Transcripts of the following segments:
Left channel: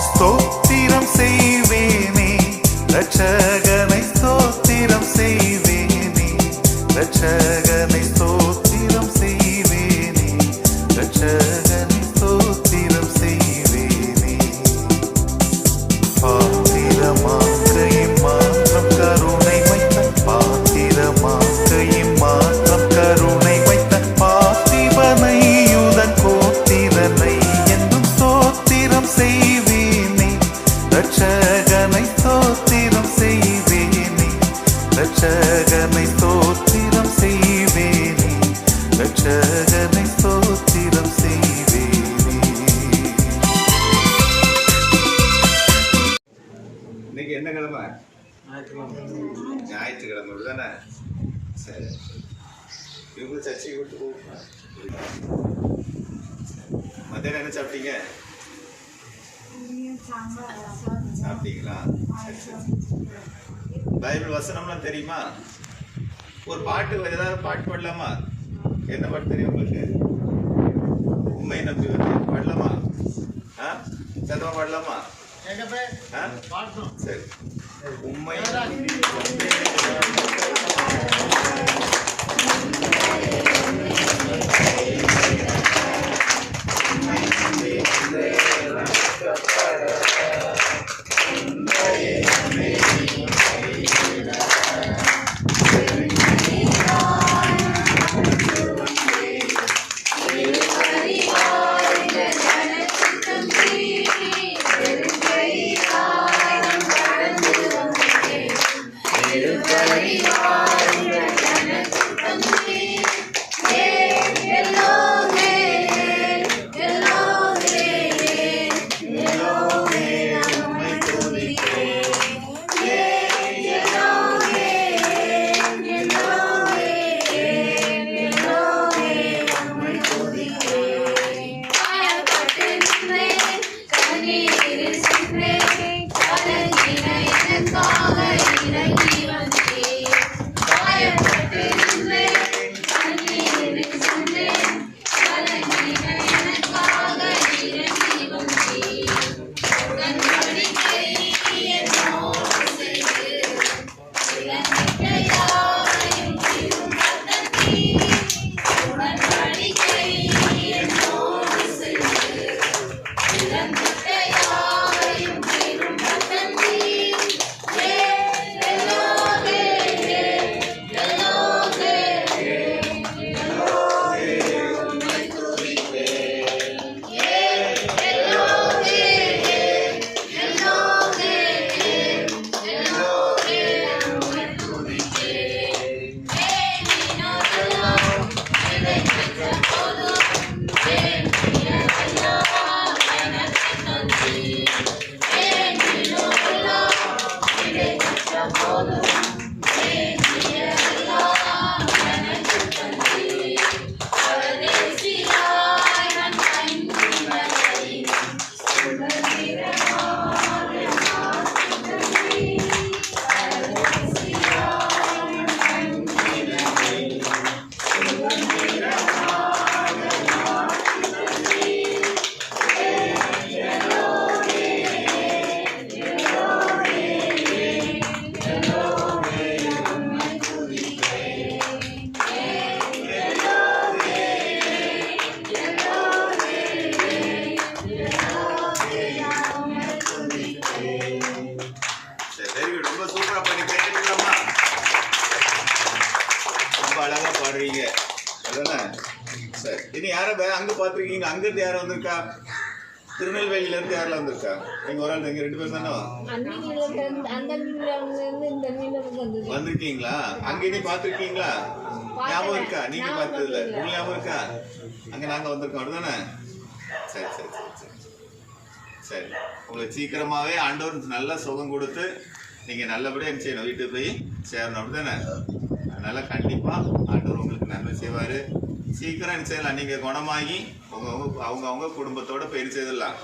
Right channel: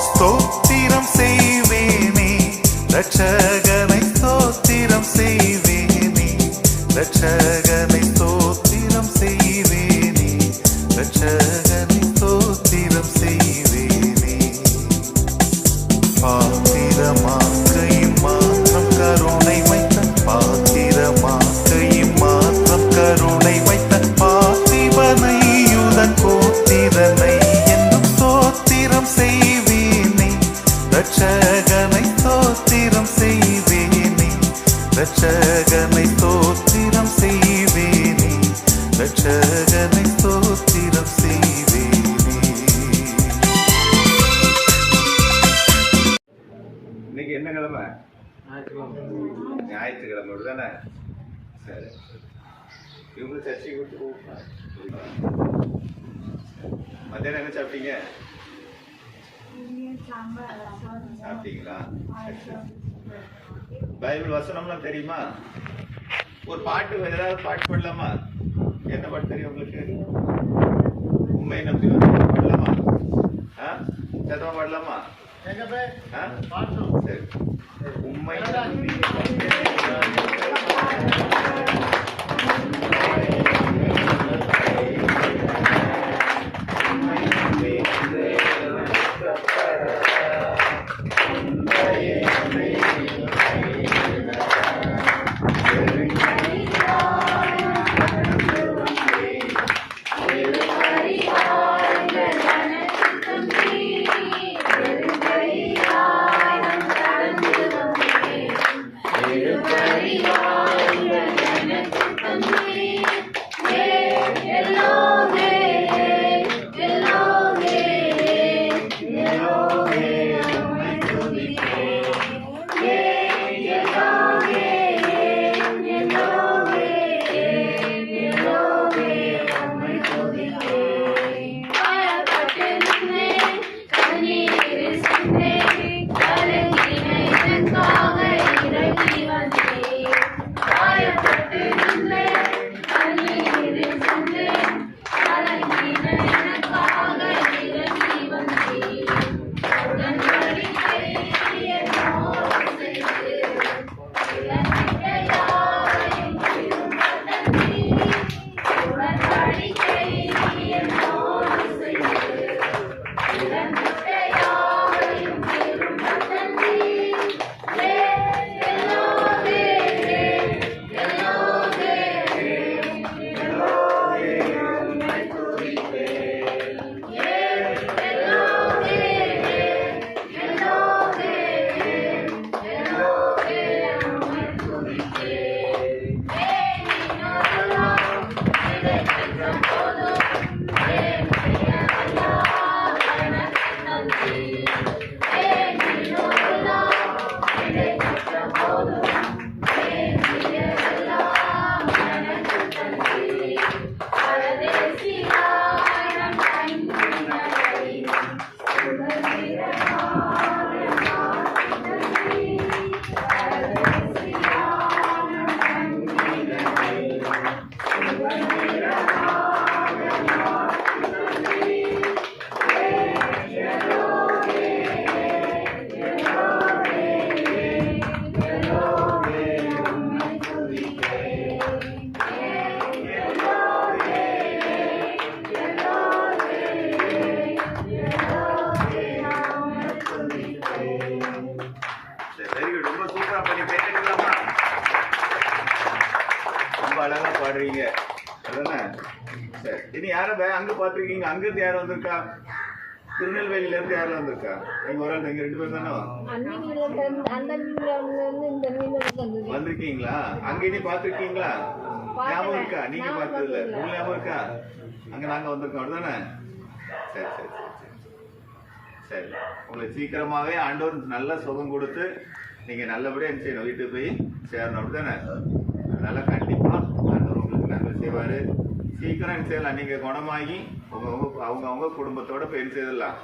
ஸ்தோத்திரம் செய்வேனே. ரட்சகனை ஸ்தோத்திரம் செய்வேனே. ரட்சக தானே? சரி. இவங்களும் சர்ச்சைக்கு விட்டு போகுமா மத்தியானம் என்ன சாப்பிட்டீங்க? சாப்பிட்டீங்களா? பைபிள் வசனம்லாம் தெரியுமா? ஒரு பாட்டு ஏதாவது பாட்டு பாடலாமா? என்ன பாட்டு தெரியும் உங்களுக்கு? உண்மை நம்பி பாடலாமா? ஆ? சத்தமாக பாடலாமா? சரி உண்மை சரி பாத்திருக்கீங்க அங்க இருந்து யாரும் வந்திருக்கா? திருநெல்வேலியில இருந்து யாரெல்லாம் வந்திருக்கா? எங்க ஒரு ஆள் நீங்க ரெண்டு பேரும் தானே வந்திருக்கீங்களா? அங்க இனி பாத்திருக்கீங்களா ஞாபகம் இருக்கா? நீங்க நான் பார்த்தது இல்ல பார்த்ததில்ல. உங்களுக்கு ஞாபகம் இருக்கா? அங்க நாங்க வந்திருக்கோம் அப்படிதானே? சரி சரி சரி சரி சரி. உங்களுக்கு சீக்கிரமாவே ஆண்டவர் நல்ல சுகம் கொடுத்து நீங்க நல்லபடியா என்ன செய்யணும் வீட்டுக்கு போய் சேரணும் அப்படிதானே? அதனால கண்டிப்பா ஆண்டவர் உங்களுக்கு நன்மை செய்வாரு. சீக்கிரம் செய்யலாம். நீங்க குணமாகி உங்க உங்க அவங்க அவங்க குடும்பத்தோட செய்திடலாம்.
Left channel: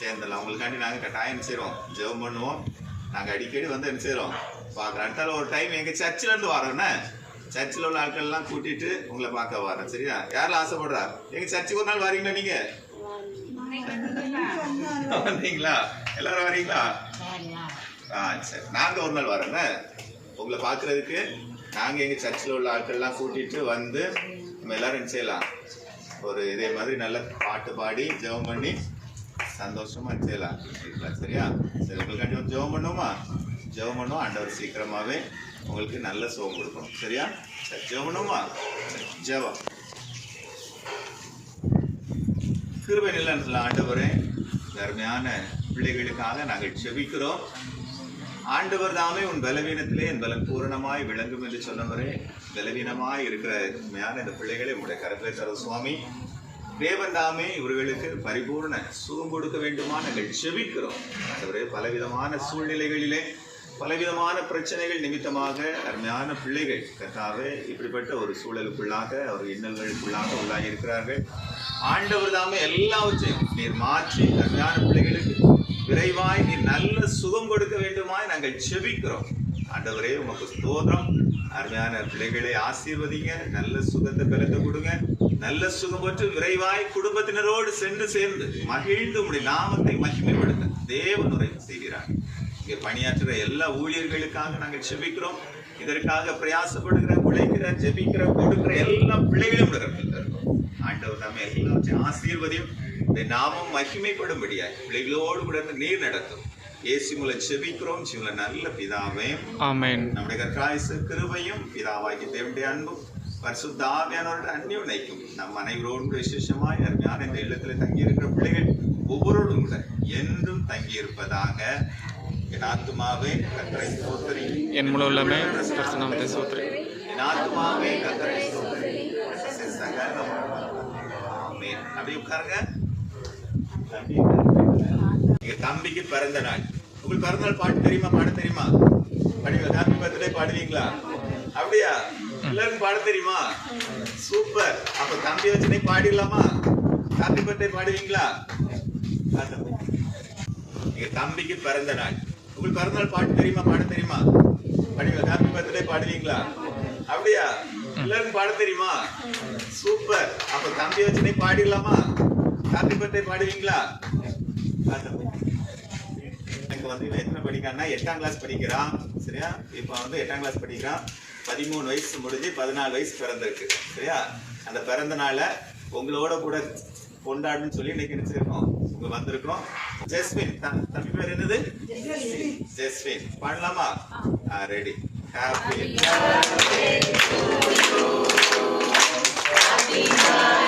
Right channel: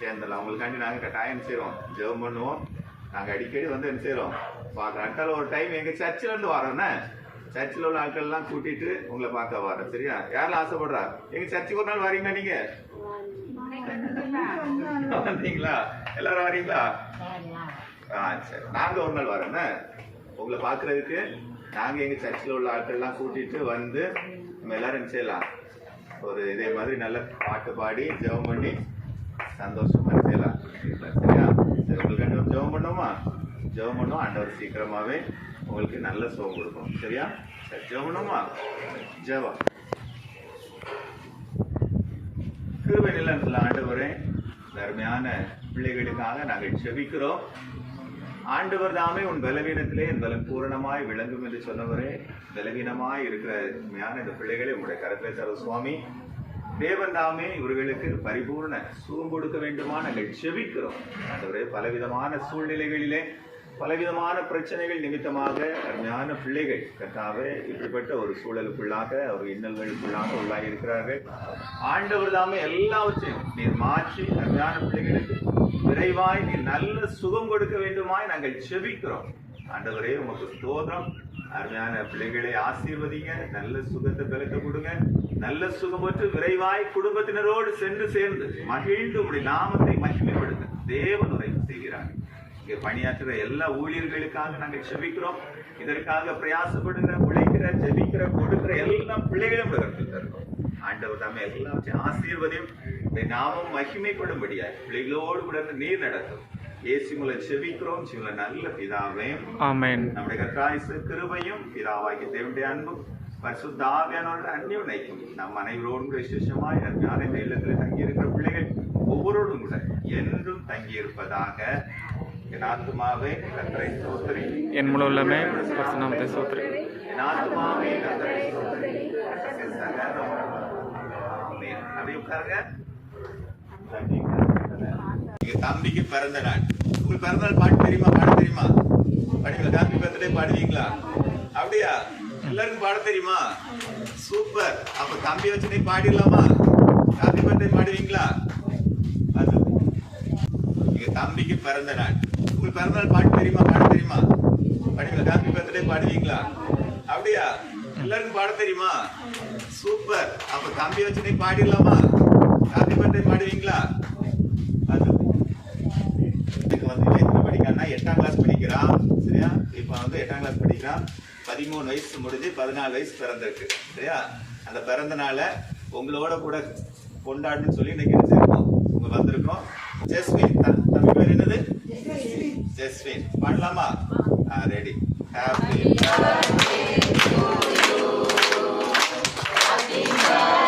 சேர்ந்துடலாம். உங்களுக்காண்டி நாங்க கட்டாயம் செய்றோம்? ஜெபம் பண்ணுவோம். நாங்க அடிக்கடி வந்து என்ன செய்றோம்? பார்க்குறோம். அடுத்தால ஒரு டைம் எங்க சர்ச்சில் இருந்து வரோன்னே சர்ச்சில் உள்ள ஆட்கள் எல்லாம் கூட்டிட்டு உங்களை பார்க்க வரோம் சரியா? யாரெல்லாம் ஆசைப்படுறா? எங்க சர்ச்சுக்கு ஒரு நாள் வரீங்களா நீங்க? வந்தீங்களா? எல்லாரும் வரீங்களா? ஆ சரி. நாங்கள் ஒரு நாள் வரோண்ணே உங்களை பார்க்குறதுக்கு நாங்கள் எங்கள் சர்ச்சில் உள்ள ஆட்கள்லாம் கூட்டிகிட்டு வந்து நம்ம எல்லோரும் செய்யலாம். ஒரு இதே மாதிரி நல்ல பாட்டு பாடி ஜெபம் பண்ணி சந்தோஷமாக செய்யலாம். சரியா சரி உங்களுக்கு கண்டிப்பாக ஜெபம் பண்ணுவோமா? ஜெபம் பண்ணுவோம். ஆண்டவர் சீக்கிரமாகவே உங்களுக்கு நல்ல சுகம் கொடுக்கணும். சரியா? சரி ஜெபம் பண்ணுவோமா? ஜெபம். கிருபை நிலத்தில் ஆண்டவரே தர்மையான அருமையான பிள்ளைகளுக்காக நாங்கள் செபிக்கிறோம் ஆண்டவர் தாமே உன் பலவீனத்திலே என் பலம் பூரணமாய் விளங்கும் என்று சொன்னவரே பலவீனமாய் இருக்கிற உண்மையான இந்த பிள்ளைகளை உங்களுடைய கரத்திலே தர சுவாமி தேவன் தாமே இவர்களுக்கு பரிபூர்ண சுகம் கொடுக்க வேண்டுமா? நாங்கள் செபிக்கிறோம். ஆண்டவரே பலவிதமான சூழ்நிலைகளிலே பலவிதமான பிரச்சனைகள் நிமித்தமாக அருமையான பிள்ளைகள் கர்த்தாவே இப்படிப்பட்ட ஒரு சூழலுக்குள்ளாக ஒரு இன்னல்களுக்குள்ளாக உள்ளாகி இருக்கிறார்கள். ஆண்டவர் தாமே எல்லாவற்றையும் நீர் மாற்றி அருமையான பிள்ளைகளுக்கு விரைவாய் நீ நல்ல சுகம் கொடுக்க வேண்டுமாய் நாங்கள் செபிக்கிறோம். ஆண்டவரே உமக்கு ஸ்தோத்திரம். அருமையான பிள்ளைகளை ஆசீர்வதிங்க. நல்ல சுகத்தை பலத்தை கொடுங்க. நல்ல சுகம் பெற்று விரைவாய் குடும்பத்தினரோடு சென்று சேர்ந்து மகிழ்ந்து உடைய நாமத்தை மகிமைப்படுத்த தேவனுரை செய்கிறார். இங்கே பணியாற்றுகிற எல்லா ஊழியர்களுக்காக நாங்கள் செபிக்கிறோம். இதற்காக பிரயாசப்படுகிற உழைக்கிற ஜெபிக்கிற கொடுக்கிற எல்லா பிள்ளைகளும் ஆண்டவர் தாமே எல்லாத்தையும் ஆசீர்வதியும். இந்த நாமம் மகிமைப்படும்படியாய் பிள்ளைகளோடு கூட நீர் நடத்தும். இயேசு மூலம் செபிக்கிறோம் சிவல நல்ல பிதாவே ஆமென். நம்முடைய கர்த்தராயிசு கிருபையும் பிதாவாகி தேவனுடைய அன்பும் பரிசுத்த ஆவியானவருடைய அந்நியம் நினைக்கும் நம் அனைவரோடும் விசேஷமாய் அருமையான இந்த இல்லத்தில் தங்கியிருக்கிற பிள்ளைகள் ஒவ்வொருவரும் கூட என்றும் தங்கியிருப்பதாக என் ஆத்துமாவே கத்தரை ஸ்தோத்திரி. என் முழு உள்ளமே பரிசுநாமத்தை சோத்திரி என் ஆத்துமாவே கத்தரை ஆமென். அப்படியே உட்காருங்க. தம்பிக்கு பிறந்த நாள். உங்களுக்கு பிறந்த நாள் பாட்டு தெரியுமா? பாட தெரியுமா? பாடுவீங்களா ஹாப்பி பர்த்டே பாடுவீங்களா? அப்படியா? எல்லாருக்கும் பாட தெரியுமா? சூப்பர். அப்ப தம்பி வச்சு நீ பாடிடலாமா? Happy birthday பாடுவீங்களா? அது. எங்க தம்பிக்கு பிறந்த நாள். உங்களுக்கு பிறந்த நாள் பாட்டு தெரியுமா? பாட தெரியுமா? பாடுவீங்களா ஹாப்பி பர்த்டே பாடுவீங்களா? அப்படியா? எல்லாருக்கும் பாட தெரியுமா? சூப்பர். அப்ப தம்பி வச்சு நீ பாடிடலாமா? Happy birthday பாடுவீங்களா? இதுக்கு வந்து எத்தனை படிக்கிறான்னா எட்டாம் கிளாஸ் படிக்கிறான் சரியா? இப்போ வந்து எட்டாம் கிளாஸ் படிக்கிறான். பதிமூணு வயசு முடிஞ்சு பதினாலு வயசு பிறந்திருக்கு சரியா? அந்த பிறந்த நாளை உங்களோட கூட கொண்டாடுன்னு சொல்லி இன்னைக்கு வச்சிருக்கோம். இங்க வந்திருக்கோம். ஜெஸ்வின் தம்பி பேர் என்னது? ஜெஸ்வின் பண்ணலாமா ரெடி ஹாப்பி சூப்பர்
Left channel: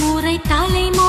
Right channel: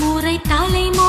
முறை தலைமுறை